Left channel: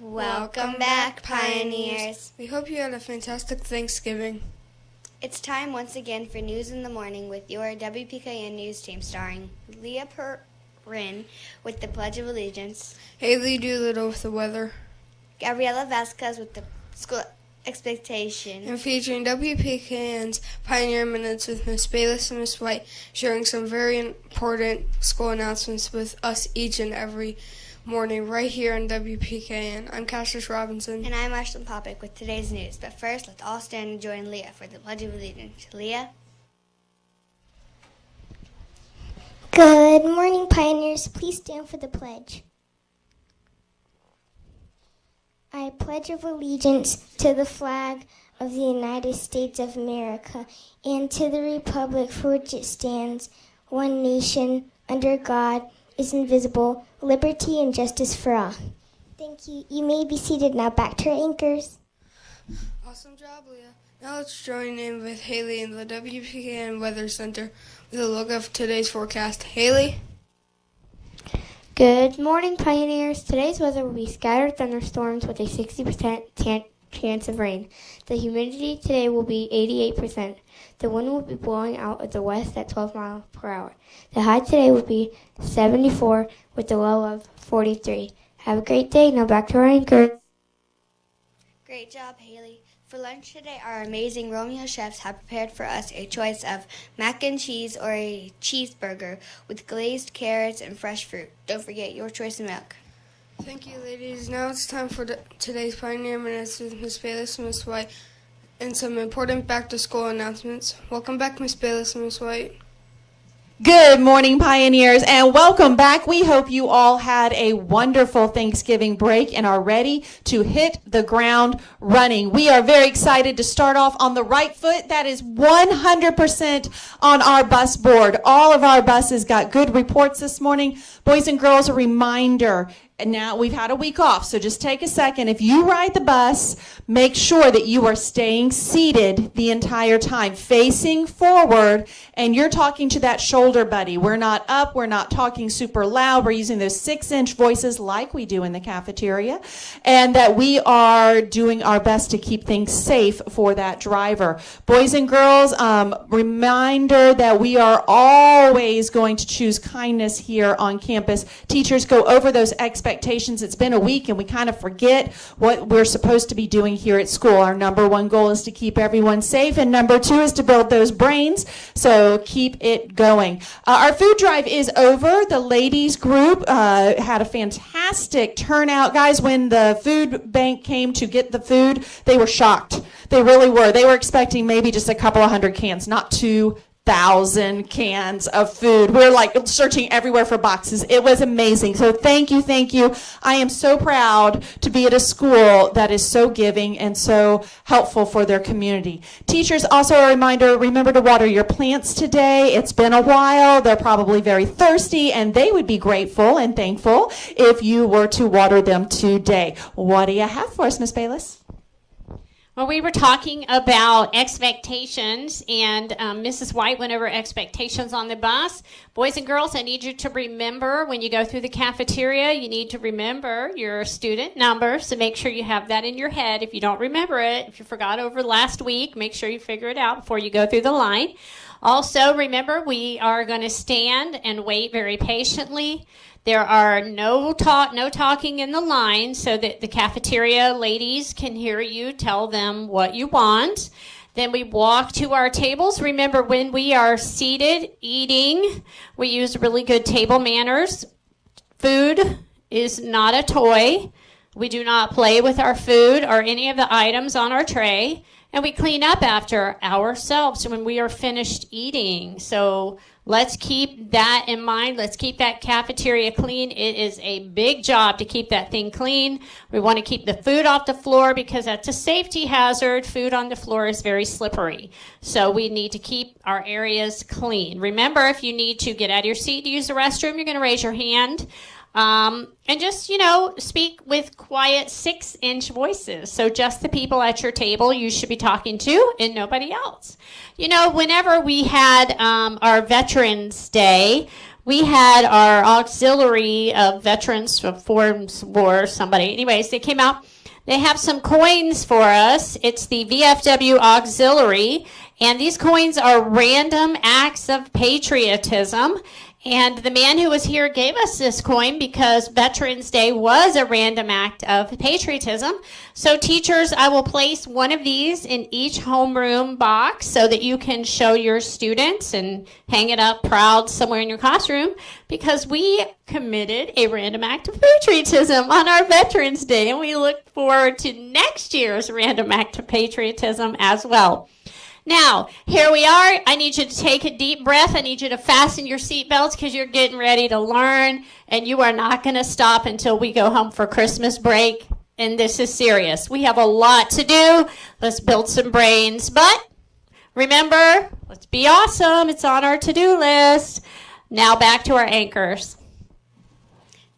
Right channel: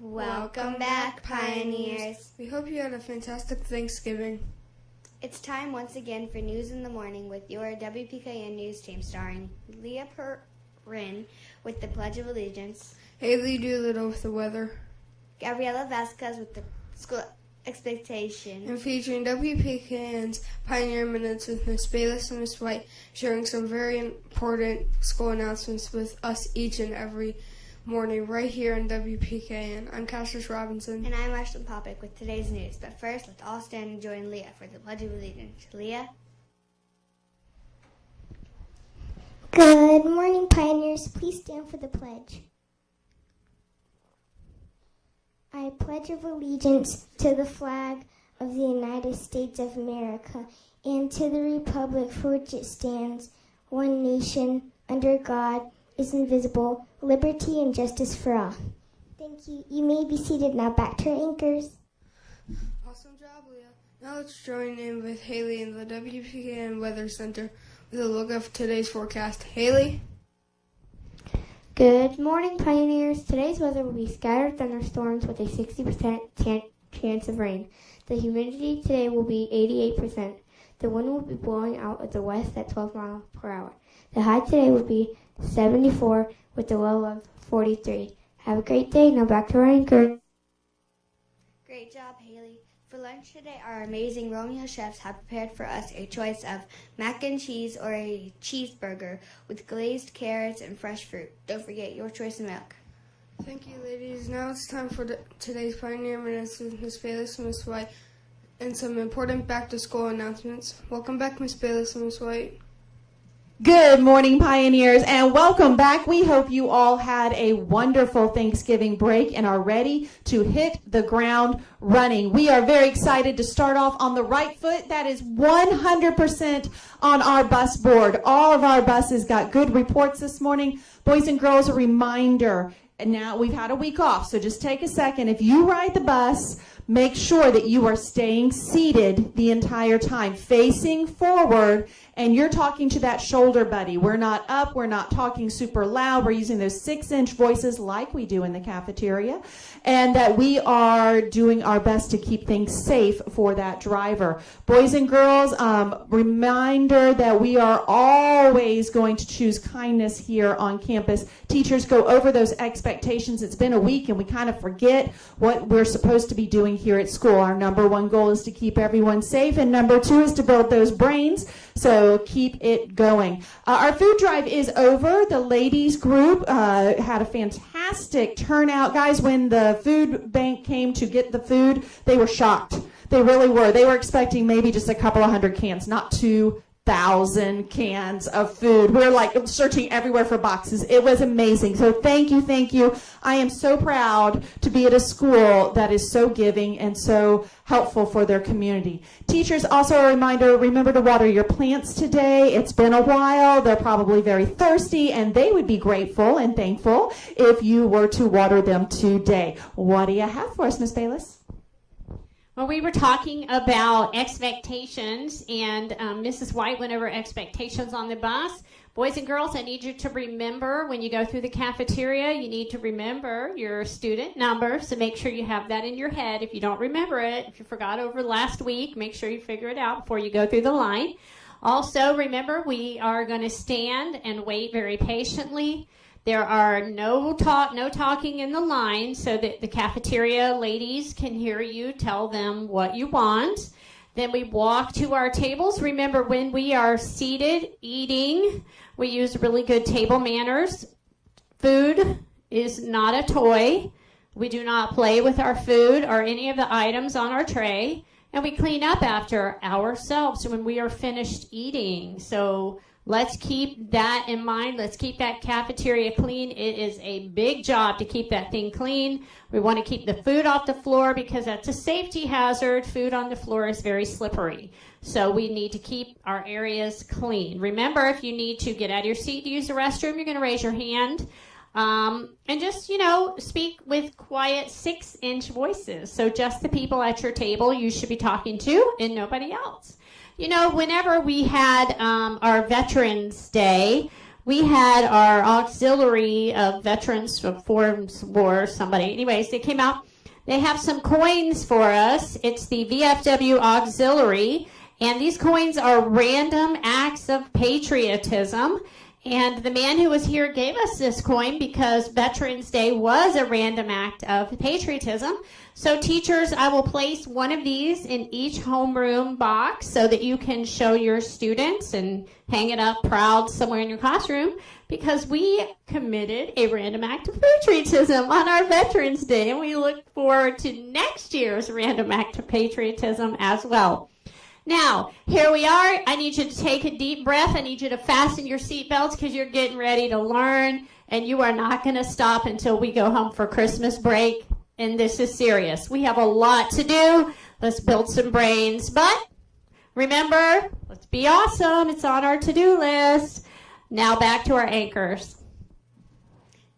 Welcome back, Pioneers. We hope you had a fantastic Thanksgiving. It's time once again for News in the Morning with your WPKN News team starring Leah Perrin with the Pledge of Allegiance, Haley Doolittle with the weather, Gabriela Vasquez with the school expectation, and featuring WPKN's Pioneer Minutes with Miss Bayless and Miss White, sharing some very important school announcements with us each and every morning right here on WPKN. I'm Cassius Robinson. And I'm Ashton Popick with today's news. But first, let's all stand and join Leah for the Pledge of Allegiance. Leah? Good morning, Pioneers. Please stand for the pledge. I pledge of allegiance to the flag of the United States of America and to the republic for which it stands, one nation, under God, is invisible, liberty and justice for all. Thank you. You may be seated now. Back to our anchors. Awesome job, Leah. Now let's join in with Haley in the WPKN Weather Center with a look of today's forecast. Haley? Good morning, Pioneers. Today's weather will be scattered thunderstorms with a 60% chance of rain. The humidity today will be 88%. The wind will be blowing out of the west at 12 miles per hour. The high today will be 74 with a low of 43. Have a great day. Now back to our anchor. Great job, Haley. For lunch today, our amazing Romeo chefs have prepared for us a choice of mac and cheese or a cheeseburger with glazed carrots and fresh fruit. Don't forget your choice of milk. Thank you, ladies. Now it's time for today's Pioneer Minutes with Miss Bayless and Miss White and some important back-to-school announcements. Welcome back, Miss Bayless and Miss White. Good morning, Pioneers, and welcome back. We hope you all had a wonderful Thanksgiving break and are ready to hit the ground running. We are very excited to start off on the right foot. That is 100% on our bus board. All of our buses got good reports this morning. Boys and girls, a reminder. And now we've had a week off, so just take a second. If you ride the bus, make sure that you are staying seated the entire time, facing forward, and you're talking to that shoulder buddy. We're not up, we're not talking super loud. We're using those 6-inch voices like we do in the cafeteria, and that we are doing our best to keep things safe for that driver. Boys and girls, reminder that we are always going to choose kindness here on campus. Teachers go over those expectations. It's been a week and we kind of forget what we're supposed to be doing here at school. Our number one goal is to keep everyone safe, and number two is to build those brains, so keep it going. Our food drive is over. The ladies group had a fantastic turnout. Guys, when the food bank came to get the food, they were shocked. They really were. They were expecting maybe just a couple of hundred cans, not 2,000 cans of food. We're like searching everywhere for boxes. It was amazing. So thank you, thank you. I am so proud to be at a school that is so giving and so helpful for their community. Teachers, also a reminder, remember to water your plants today. It's been a while. They're probably very thirsty, and they would be grateful and thankful if you were to water them today. What do you have for us, Miss Bayless? Well, we were talking about expectations, and Mrs. White went over expectations on the bus. Boys and girls, I need you to remember when you go through the cafeteria, you need to remember your student number, so make sure you have that in your head. If you don't remember it, if you forgot over last week, make sure you figure it out before you go through the line. Also, remember, we are going to stand and wait very patiently. There are no talking in the line so that the cafeteria ladies can hear you tell them what you want. Then we walk to our tables. Remember, when we are seated eating, we use really good table manners. Food is not a toy. We do not play with our food or any of the items on our tray. And we clean up after ourselves when we are finished eating. So let's keep that in mind. Let's keep that cafeteria clean. It is a big job to keep that thing clean. We want to keep the food off the floor because that's a safety hazard. Food on the floor is very slippery. So we need to keep our areas clean. Remember, if you need to get out of your seat to use the restroom, you're going to raise your hand. And just, speak with quiet 6-inch voices. So just the people at your table you should be talking to and nobody else. Whenever we had our Veterans Day, we had our auxiliary of veterans of Forms War, somebody. Anyways, they came out. They have some coins for us. It's the VFW Auxiliary, and these coins are random acts of patriotism. And the man who was here gave us this coin because Veterans Day was a random act of patriotism. So teachers, I will place one of these in each homeroom box so that you can show your students and hang it up proud somewhere in your classroom, because we committed a random act of patriotism on our Veterans Day, and we look forward to next year's random act of patriotism as well. Now, here we are. I need you to take a deep breath. I need you to fasten your seatbelts because you're getting ready to learn, and you are not going to stop until we go home for Christmas break. And this is serious. We have a lot to do. Let's build some brains. But remember, let's be awesome. It's on our to-do list. Now back to our anchors.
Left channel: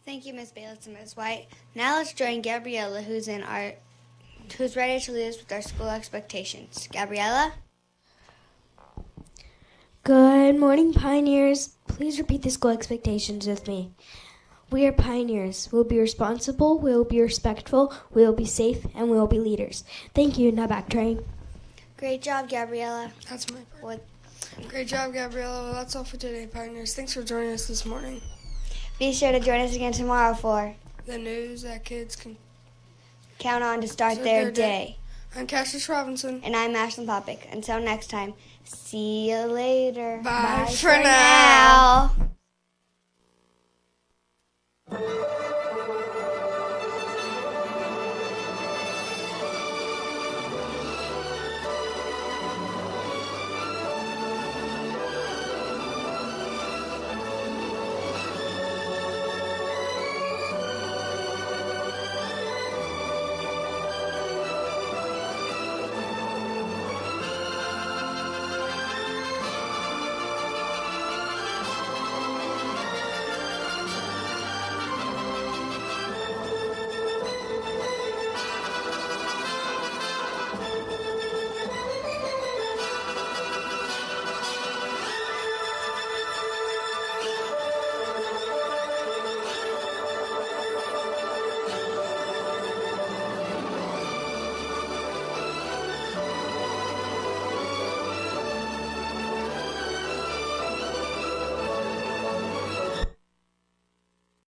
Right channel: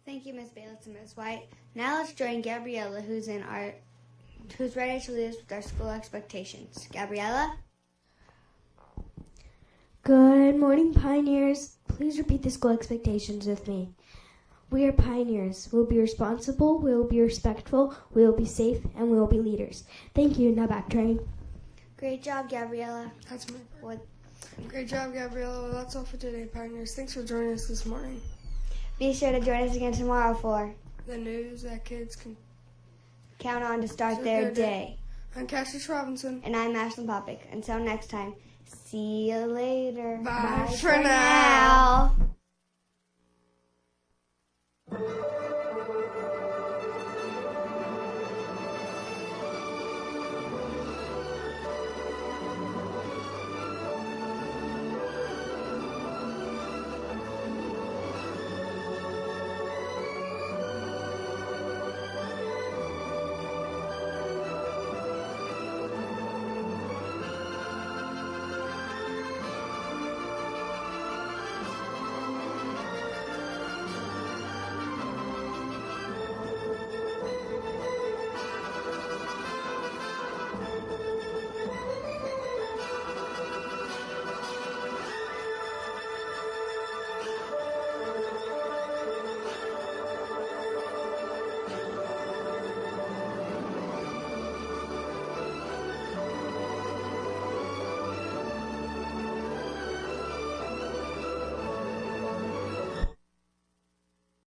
Thank you, Ms. Bayless and Ms. White. Now let's join Gabriella, who's ready to lead us with our school expectations. Gabriella? Good morning, Pioneers. Please repeat the school expectations with me. We are pioneers. We'll be responsible, we'll be respectful, we'll be safe, and we'll be leaders. Thank you. Now back, train. Great job, Gabriella. That's my part. What? Great job, Gabriella. Well, that's all for today, Pioneers. Thanks for joining us this morning. Be sure to join us again tomorrow for The news that kids can Count On to Start Start Their Their Day. I'm Cassius Robinson. And I'm Ashlyn Popick. Until next time, see you later. Bye for now.